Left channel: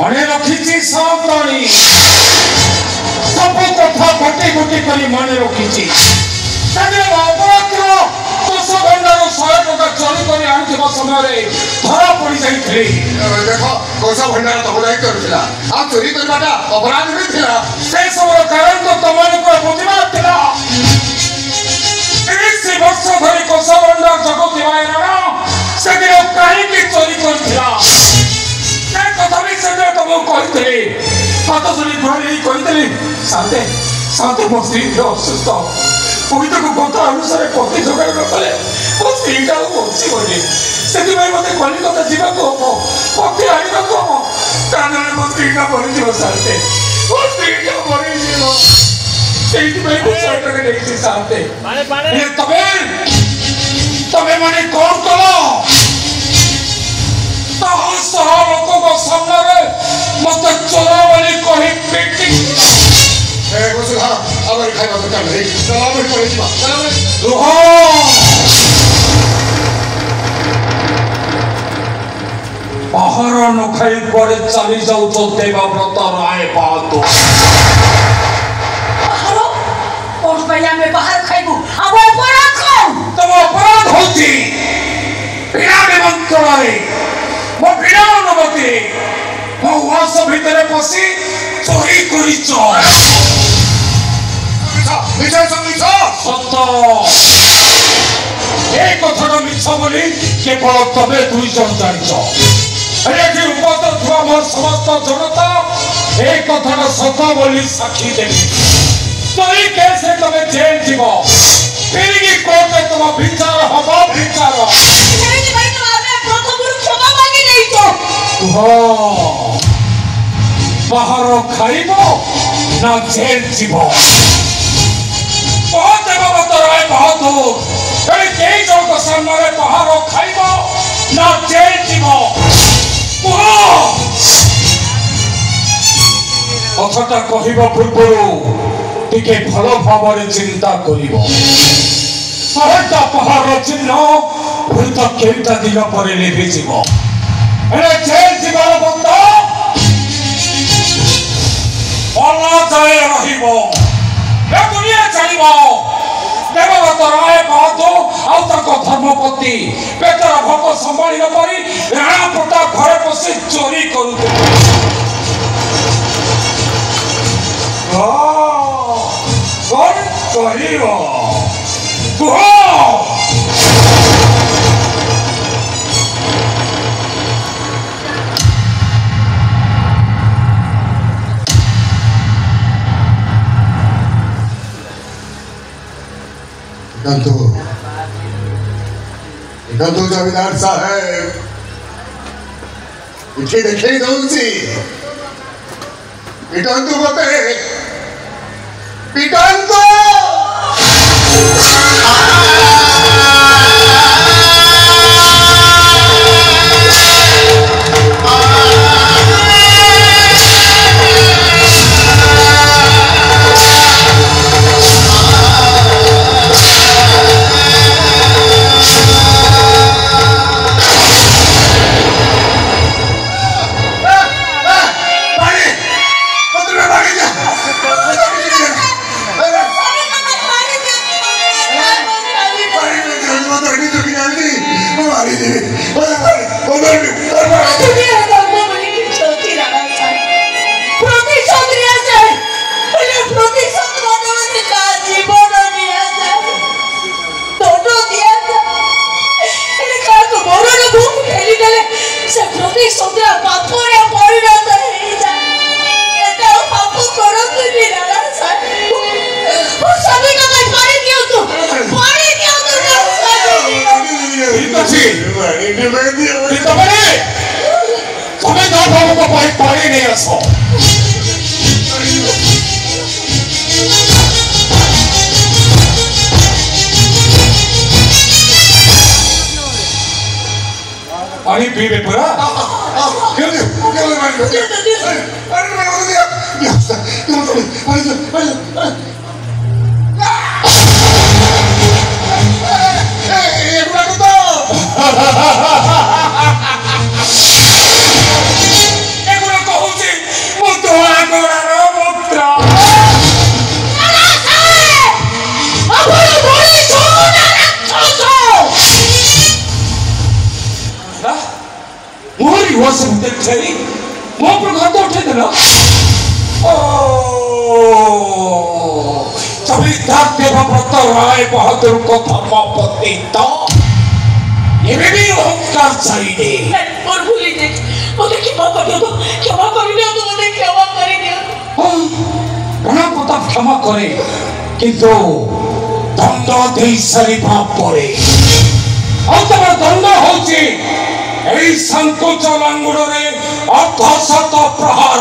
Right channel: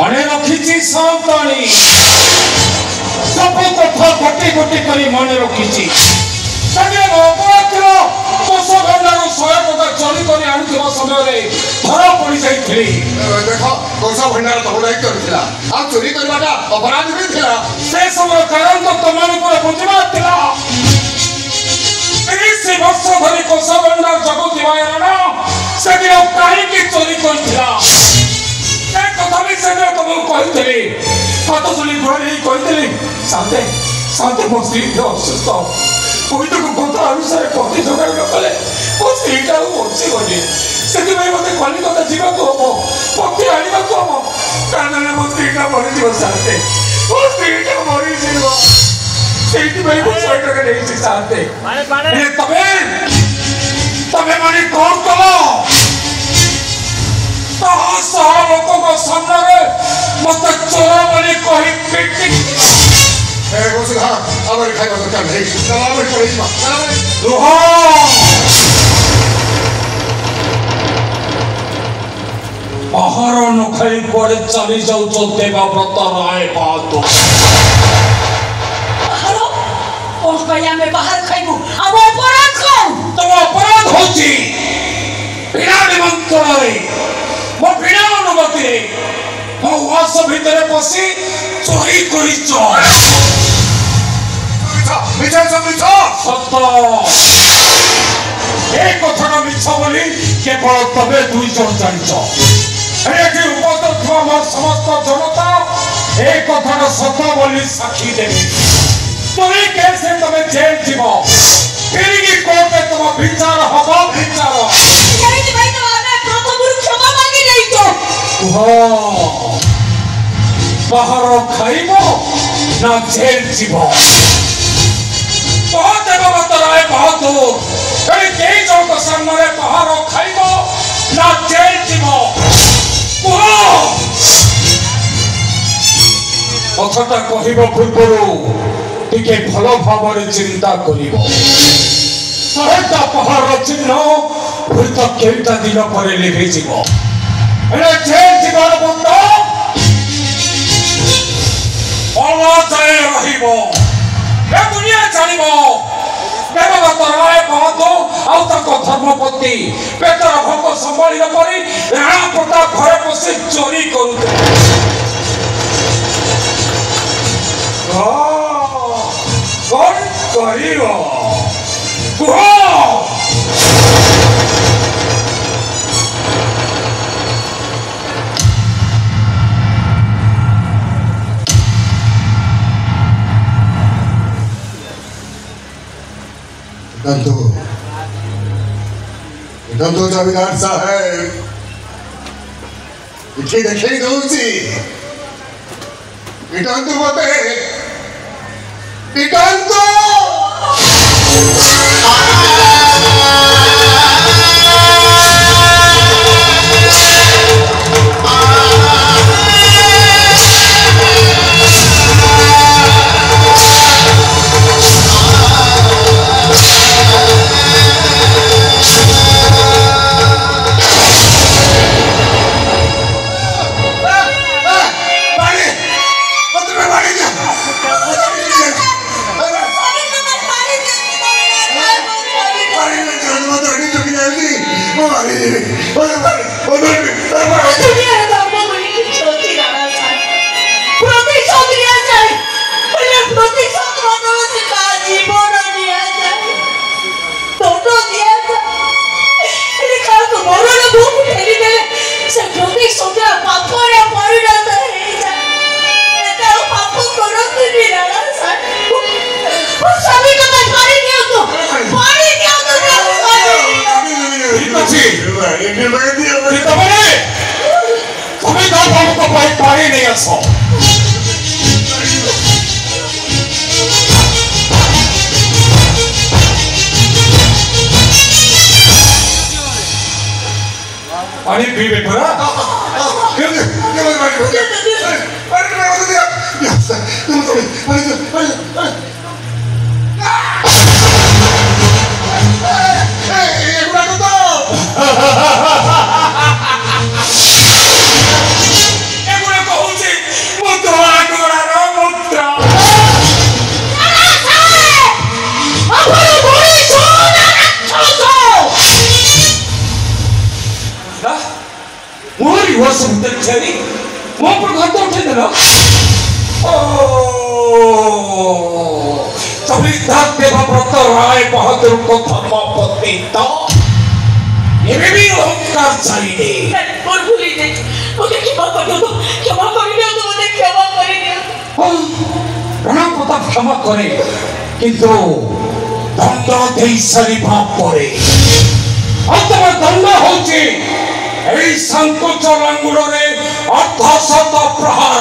मने रखी सावधानी सब कथा गोटे गोटे कर मन रखी कोष भंडार 100 टका चोरी कर आणुवा समय धरा पड़ जाइए देख कोष भंडार तुम दायित्व था आ चोरी करवाटा अपराध भी था से सब कारण तो तुम बुझा था 30 वर्ष धरी कोष भंडार जगुवा से कहीं चोरी कर कथा भी से तुमको कही हाथ चुली घुरी कही शांते शांते मो स्त्री असुस्थ पवित्र कथा अनुसार पति जोगाड़ कले मो स्त्रीटा बचीबनी से मत कलिकता जावाक हम पति आने को हम कारण मो स्त्रीटा मरीज शांते मो स्त्रीटा मरीज शांते तमें मैंने कौन कल लोक सामने मत चोर बोली कही पिटी बाहर न खाई कुआड़े चली जाऊ देवव्रत राय बहादुर बाहर खाइबू अब अपराध खाऊ तुम अपराध होती बिना निमंत्रण मो बिना अनुमति मो वास भितर पशि चोरी करिच सत एक कथा मिछ बोली केवल तबे दुई जन जानिच एठी उपस्थित हुआ मोर समस्त जनता एक कथा सत बोली साक्षी देवी तोरी कैसे तमे जेल जीव फिर की कोर्ट तुम विचार हबो विचार बाहर खाइब ना जेल जीव देवव्रत राय बहादुर कई जन सामने बाहर खाइब ना जेल जीव कथाटा कहवा पूर्व टिके भल भाव चिंता कर पहाड़ चिन्ह हुई तो केटा दिन पर लिभिज जेल जीवन बंद जाए दुनिया जान देवव्रत राय बहादुर धर्मपति पेटर भोग संभाल राणा प्रताप घर पशि चोरी करू नंदू जमींदार साहब इथे देखी दौची पिटंतु मते पिटंतु पानी पीबे परा मोरी वो सब देखनी वो पर घर तो उठे देना ओ तभी तक देवव्रत राय बहादुर को धर्मपत्नी तो ये भी होकर चाहिए और भूली दे मुझे क्षमा कर दो मुझे क्षमा कर दो उन्हें पता क्षमा करे किंतु दंड दे सारिबा परे अंतम दंड होची एई संकोच लांगुडरे अर्धशत प्रहार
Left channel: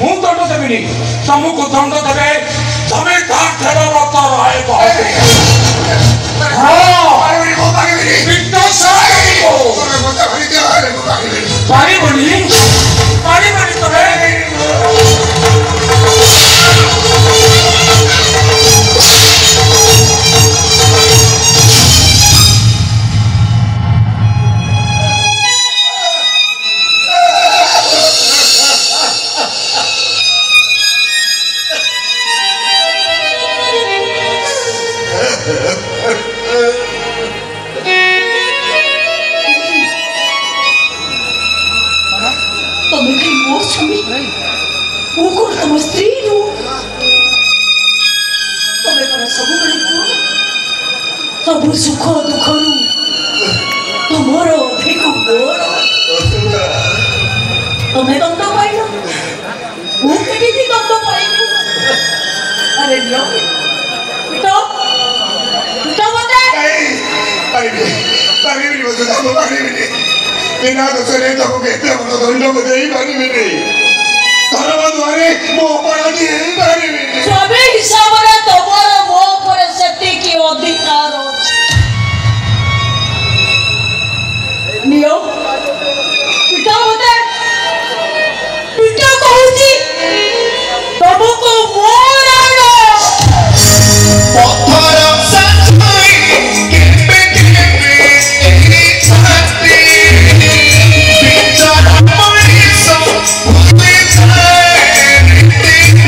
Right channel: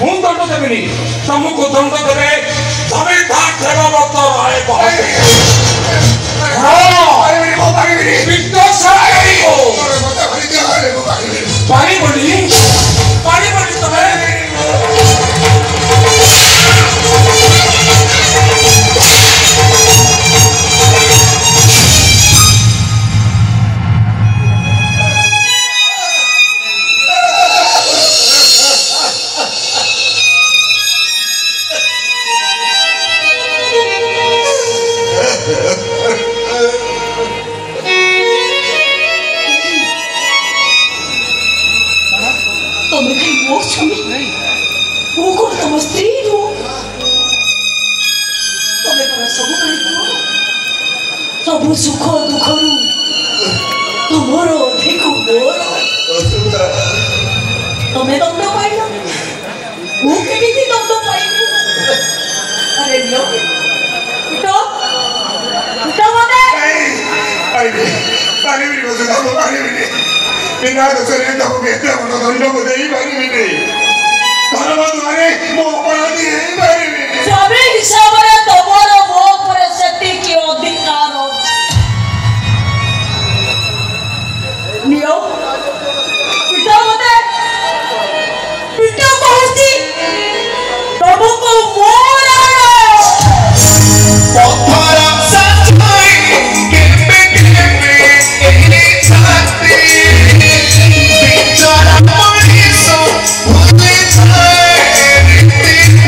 ମୁଁ ଦଣ୍ଡ ଦେବିନି ତମକୁ ଦଣ୍ଡ ଦେବେ ଜମିଦାର ଦେବବ୍ରତ ରାୟ ପାରିବନି ତମେ सब सुख दुख तुमर अधिक मोर तुम्हें दंड पाइल मुझे दंड पाइल अरे लियो पिता पिता मते बिना दोषरे तुमको कहते हैं दंड को दे ही पारिबिनी धर्म द्वारे मो अपराधी नहीं पारिबिनी स्वामी हिसाब रे तमर मो पर सती की अधिकार नियो पिता मते पिता कहूची तुमको मोर पत्थर सच में केबे केबे छाती बिचारा मनीषो भूले छाए रीति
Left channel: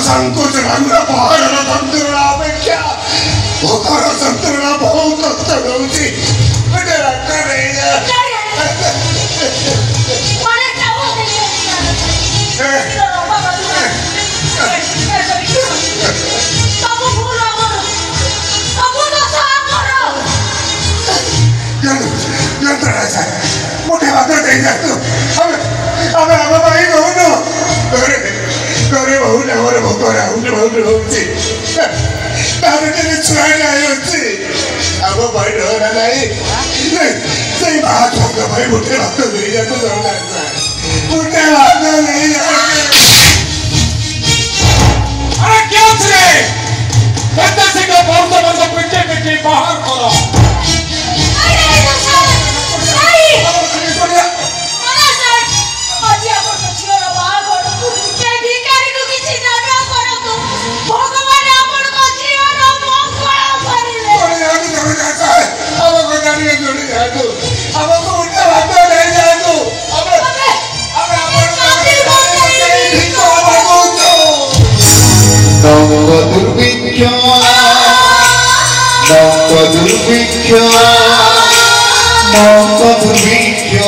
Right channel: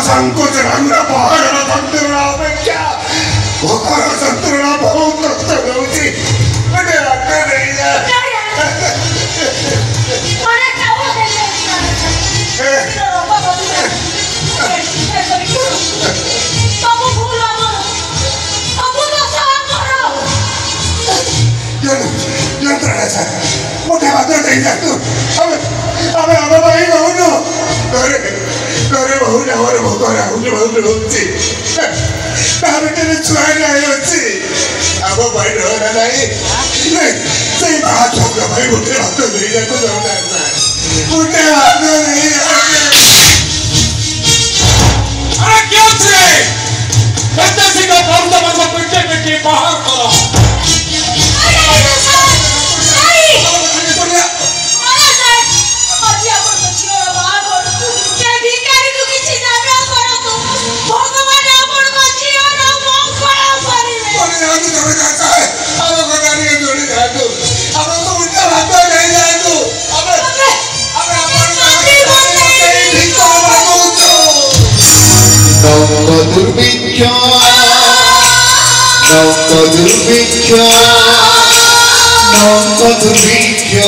संकोच रंग पहाड़ संतुलना अपेक्षा भोकर संतुलना बहुत कष्ट होती मुझे लगता नहीं है अरे क्या बोल मोटे बात नहीं है तू अबे अबे भाई करे करे बहुत और भोकरा बहुत होती ताबटे छुआ नहीं होती अब भाई डर नहीं सही बात होगा भाई मोटे बात नहीं है तो मोटे बात नहीं है अरे क्या थे बच्चे से का बहुत बड़ा पिटे पिटे बाहर करो दुर्भिक्ष